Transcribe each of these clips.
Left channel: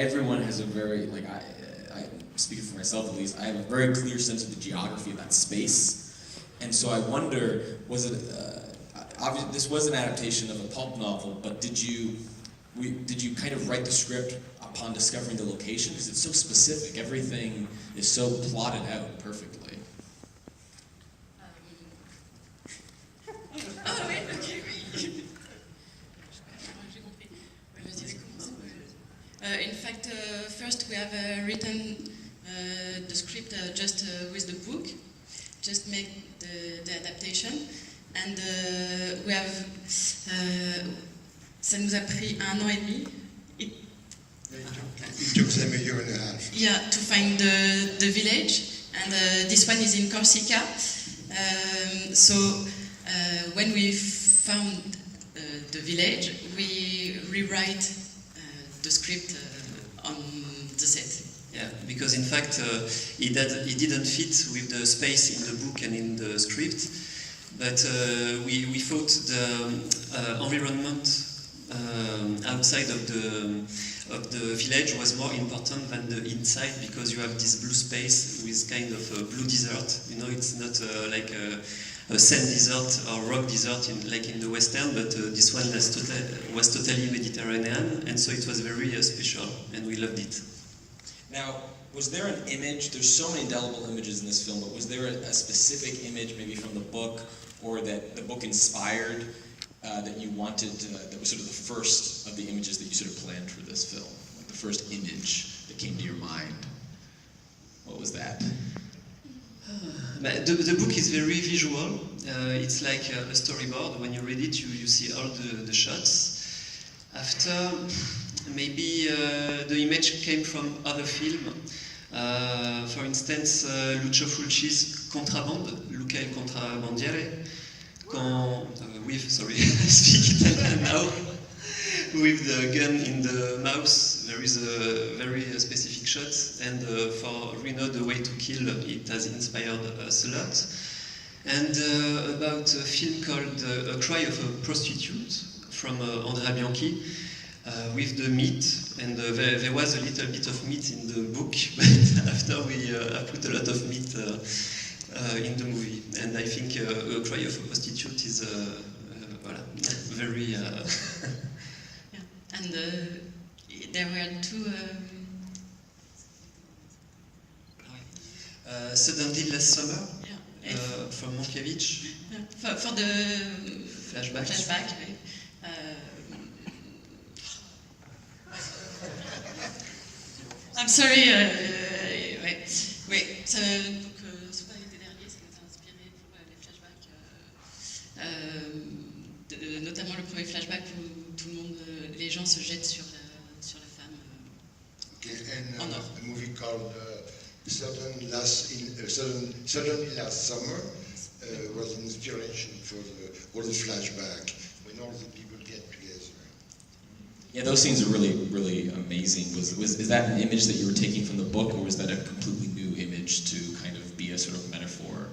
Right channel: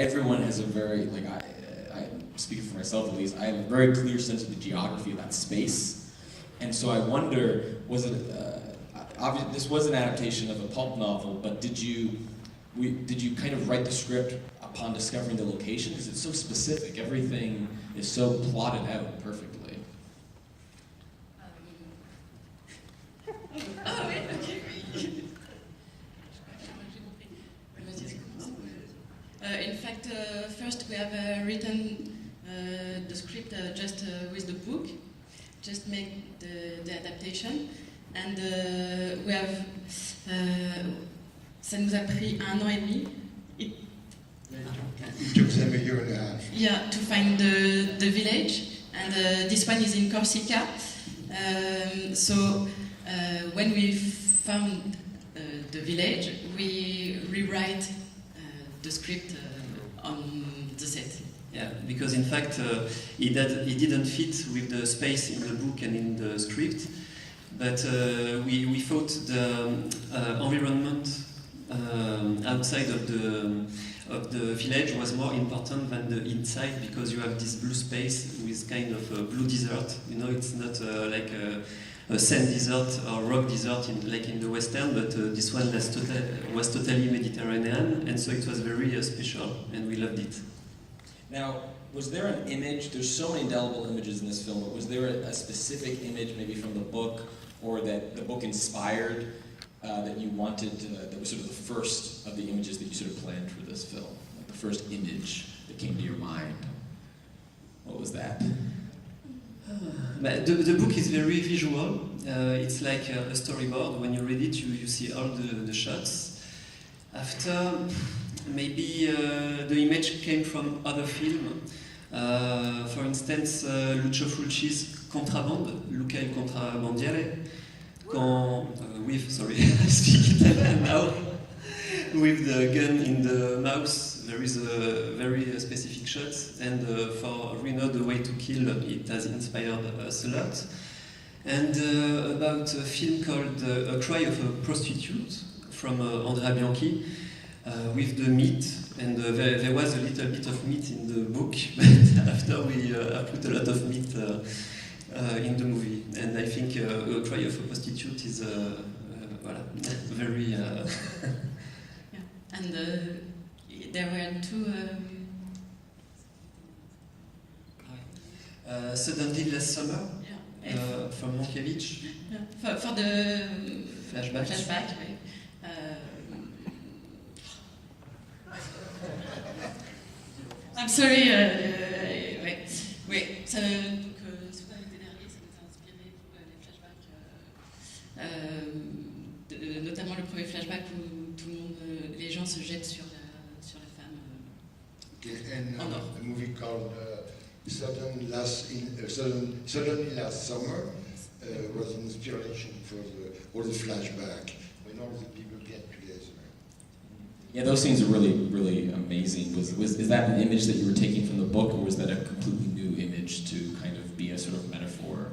Everyone has a very, like, I speaking for myself at least, I have a very clear sense of the geography of that space. And so I wonder, was it, obviously this was an adaptation of a pulp novel, but did you kind of write the script upon discovering the location? Because it's so specific, everything is so plotted out perfectly. In fact, first we have written the script just with the book, just make the adaptation, and we have. Ça nous a pris 1 an et demi. It took them a year and a half. Yeah, to find the village, and this one is in Corsica. So when we found the village, we rewrite the script on the set. Yeah, because in fact it didn't fit with the space in the book and in the script, but we thought the environment outside of the village was more important than the inside, because you have this blue space with kind of a blue desert. You know, it's not like a sand desert or rock desert like in the Western, but this one was totally Mediterranean, and so it was very special, and we loved it. Now, was there an image, there's so many indelible images in this film, but was there a specific image maybe from the book, or that the book inspired, that you wanted, that was sort of the first of the images that you sort of planned for this film? Like the first image that came to your mind? What was that? The book is very visual. It's like a storyboard. When you read it, you see all the shots. After, maybe the image came from other films. For instance, Lucio Fulci's Contraband, Luca il Contrabandiere, speak Italian now, with the gun in the mouth. There is a very specific shot, and for Reno, The Way to Kill, it has inspired us a lot. And about a film called A Cry of a Prostitute, from Andrea Bianchi, with the meat, and there was a little bit of meat in the book, but after we put a lot of meat in the movie. And I think A Cry of a Prostitute is very... Yeah. And there were two... Suddenly Last Summer, yeah. from Mankiewicz. Yeah. For the Flashback. right? I'm sorry, oui. Ça, donc, soit l'été dernier, ça nous a inspiré pour les flashbacks, notamment le premier flashback où tout le monde, les gens se jettent sur la femme en or. A movie called Suddenly Last Summer was an inspiration for all the flashback when all the people get together. Yeah, those scenes are really, really amazing. Is that an image that you were taking from the book, or was that a completely new image to kind of be a sort of metaphor?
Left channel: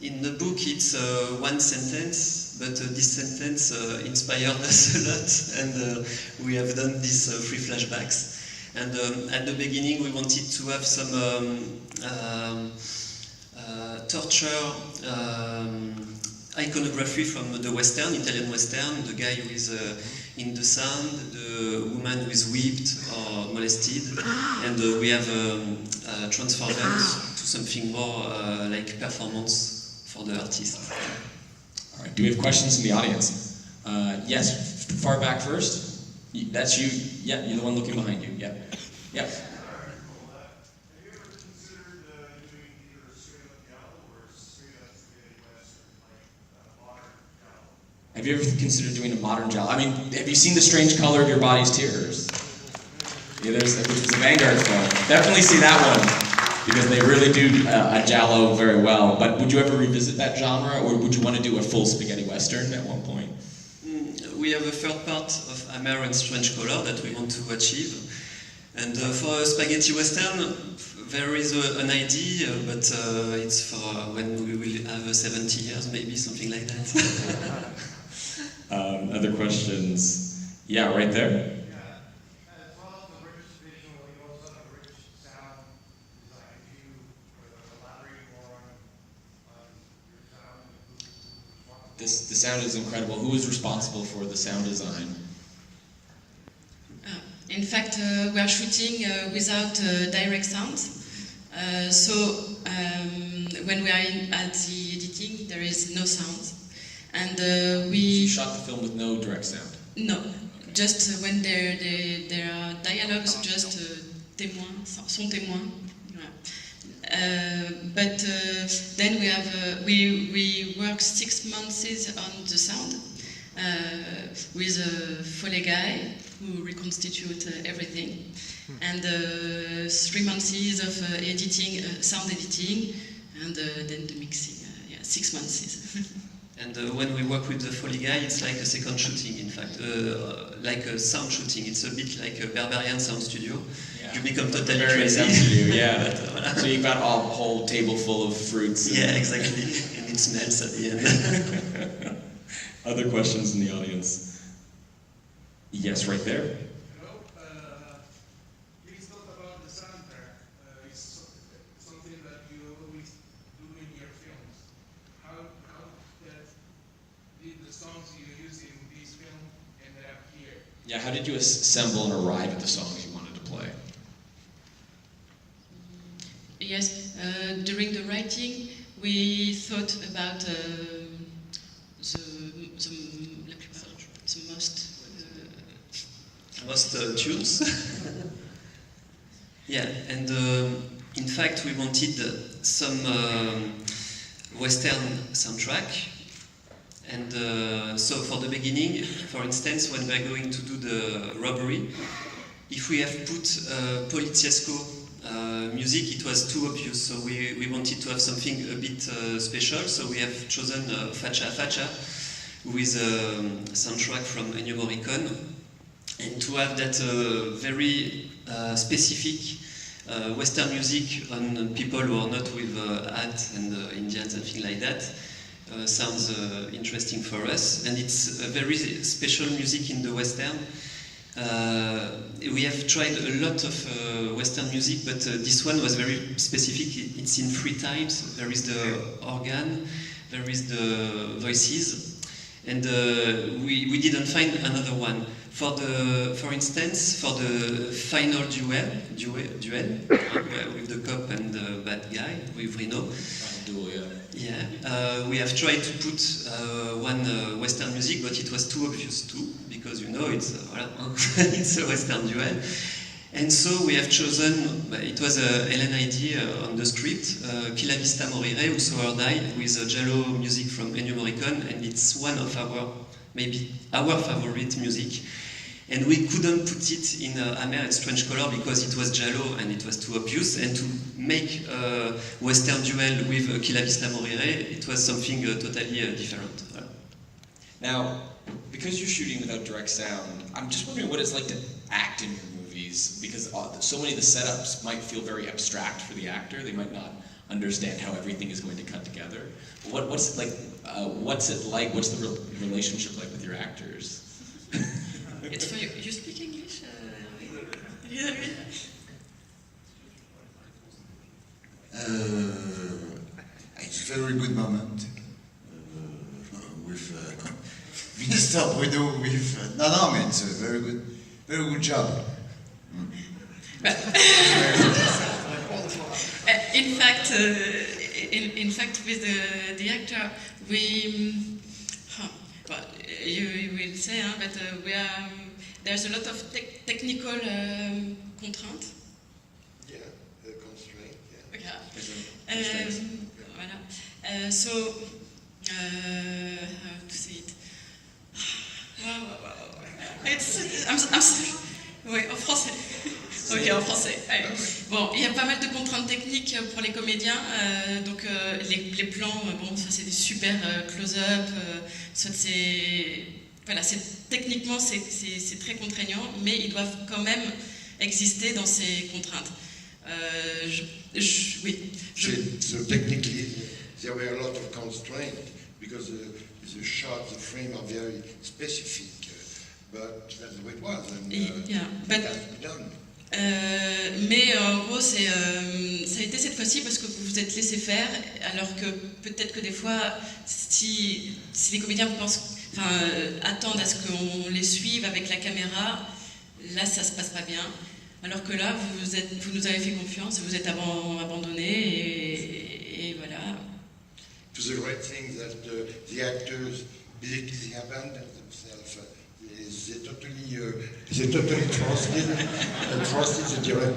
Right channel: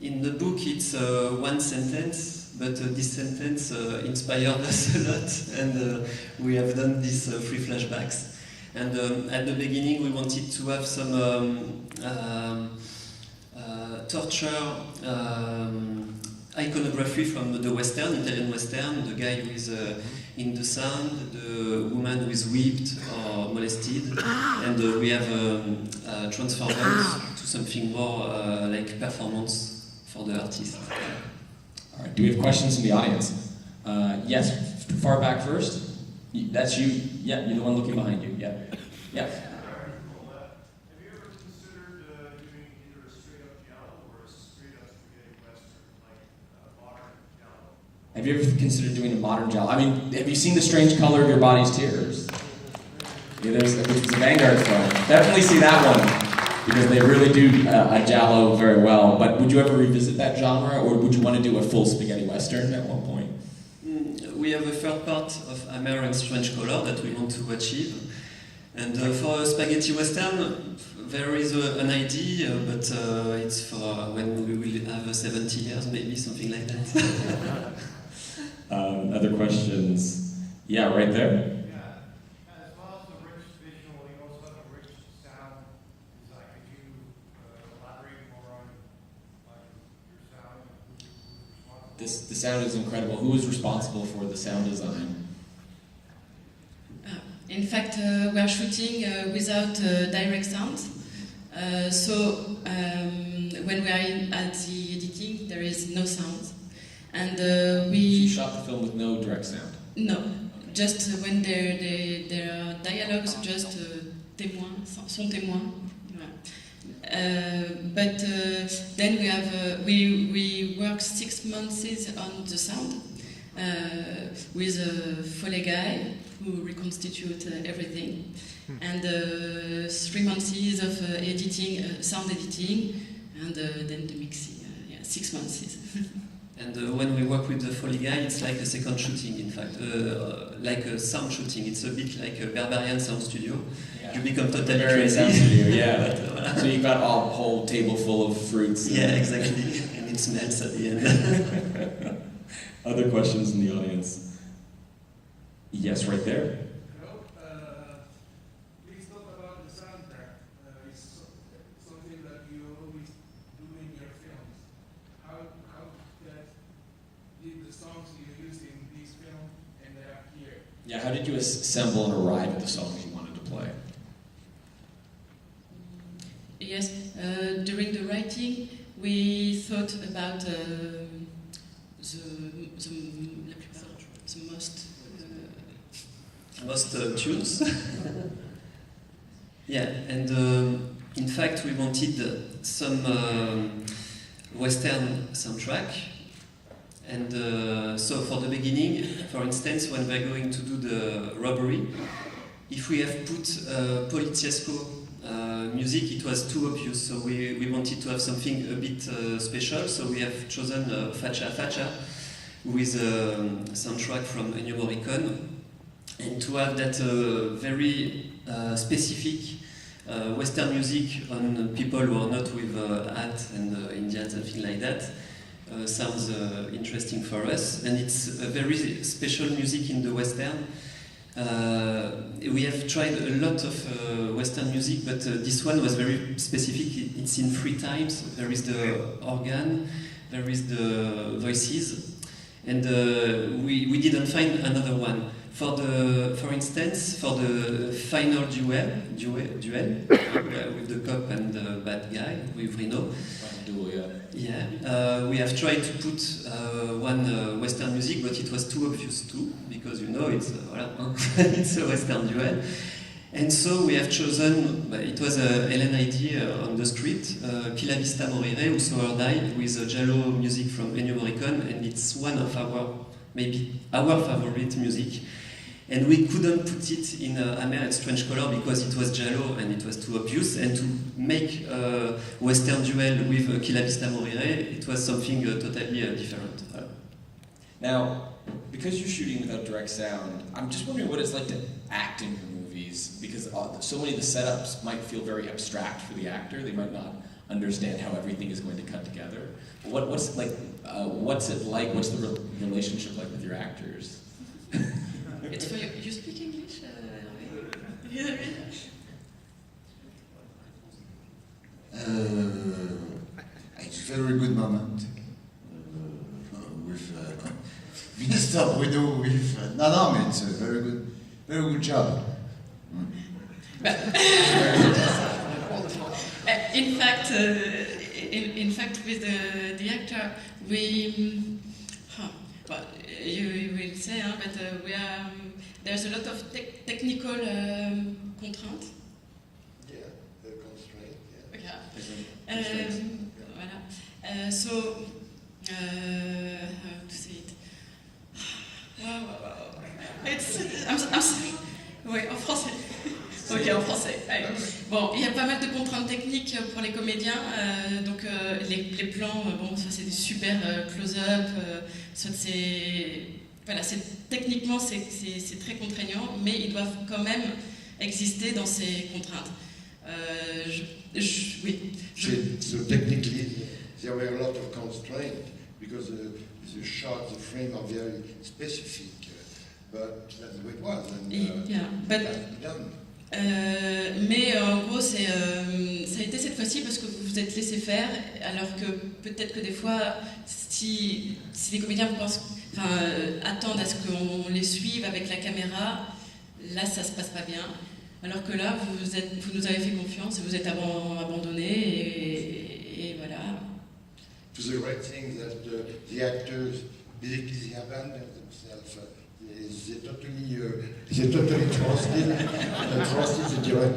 In the book, it's one sentence, but this sentence inspired us a lot, and we have done these 3 flashbacks. And at the beginning, we wanted to have some torture iconography from the Western, Italian Western, the guy who is in the sand, the woman who is whipped or molested, and we have transformed them to something more like performance for the artist. All right, do we have questions from the audience? Yes, far back first. That's you. Yeah, you're the one looking behind you. Yeah. Yeah. Have you ever considered doing a modern giallo? I mean, have you seen The Strange Color of Your Body's Tears? Yeah, which was a Vanguard film. Definitely see that one, because they really do a giallo very well. But would you ever revisit that genre, or would you want to do a full spaghetti western at one point? We have a third part of Hammer and Strange Color that we want to achieve. And for a spaghetti western, there is an idea, but it's for when we will have 70 years, maybe, something like that. Other questions? Yeah, right there. As possible, the sound is incredible. Who was responsible for the sound design? In fact, we are shooting without direct sound. When we are at the editing, there is no sound. And You shot the film with no direct sound? No, just when there are dialogues, just témoins, son témoin. But then we work 6 months on the sound with a Foley guy who reconstitute everything, and 3 months of editing, sound editing, and then the mixing. 6 months. And when we work with the Foley guy, it's like a second shooting, in fact, like a sound shooting. It's a bit like a Berberian sound studio. Yeah. You become totally Very crazy. sound studio, yeah. So you've got a whole table full of fruits. Yeah, exactly. And it smells at the end. Other questions in the audience? Yes, right there. Hello. Please talk about the soundtrack. It's something that you always do in your films. How did the songs you use in this film ended up here? Yeah, how did you assemble and arrive at the songs you wanted to play? Yes, during the writing, we thought about the Most tunes. Yeah, and in fact we wanted some Western soundtrack. And so for the beginning, for instance, when we're going to do the robbery, if we have put Poliziesco music, it was too obvious. So we wanted to have something a bit special. So we have chosen Faccia a Faccia with a soundtrack from Ennio Morricone. And to have that very specific Western music on people who are not with hat and Indians and things like that sounds interesting for us. And it's a very special music in the Western. We have tried a lot of Western music, but this one was very specific. It's in 3 times. There is the organ, there is the voices, and we didn't find another one. For instance, for the final duel with the cop and the bad guy, with Reno. Duel, yeah. Yeah, we have tried to put one Western music, but it was too obvious too, because it's it's a Western duel. And so we have chosen, it was Hélène idea on the script, Chi la vista morire, Whosoever Die, with Giallo music from Ennio Morricone, and it's one of maybe our favorite music. And we couldn't put it in Amer at Strange Color because it was Giallo and it was too obvious. And to make a Western duel with Chi la vista morire, it was something totally different. Now, because you're shooting without direct sound, I'm just wondering what it's like to act in your movies, because so many of the setups might feel very abstract for the actor. They might not understand how everything is going to come together. What's it like? What's the relationship like with your actors? It's for you. You speak English? It's a very good moment with Mr. Bruno. With no, it's a very good job. In fact, with the actor, you will say, but there's a lot of technical contraints. Yeah, the constraint. Yeah. Okay. Voilà. So, how to say it? Oui, en français. Ok, en français. Allez. Bon, il y a pas mal de contraintes techniques pour les comédiens. Donc, les plans, soit c'est des super close-up, soit c'est... Voilà, techniquement, c'est très contraignant, mais ils doivent quand même exister dans ces contraintes. Oui. So technically, there were a lot of constraints because the shot, the frame are very specific. But that's the way it was, and yeah, but, it has to be done. Mais en gros, c'est ça a été cette fois-ci parce que vous vous êtes laissé faire, alors que peut-être que des fois, si les comédiens attendent à ce qu'on les suive avec la caméra, là ça se passe pas bien. Alors que là, vous nous avez fait confiance, vous êtes abandonnés et voilà. It was a great thing that the actors basically abandoned themselves. They totally trusted the director.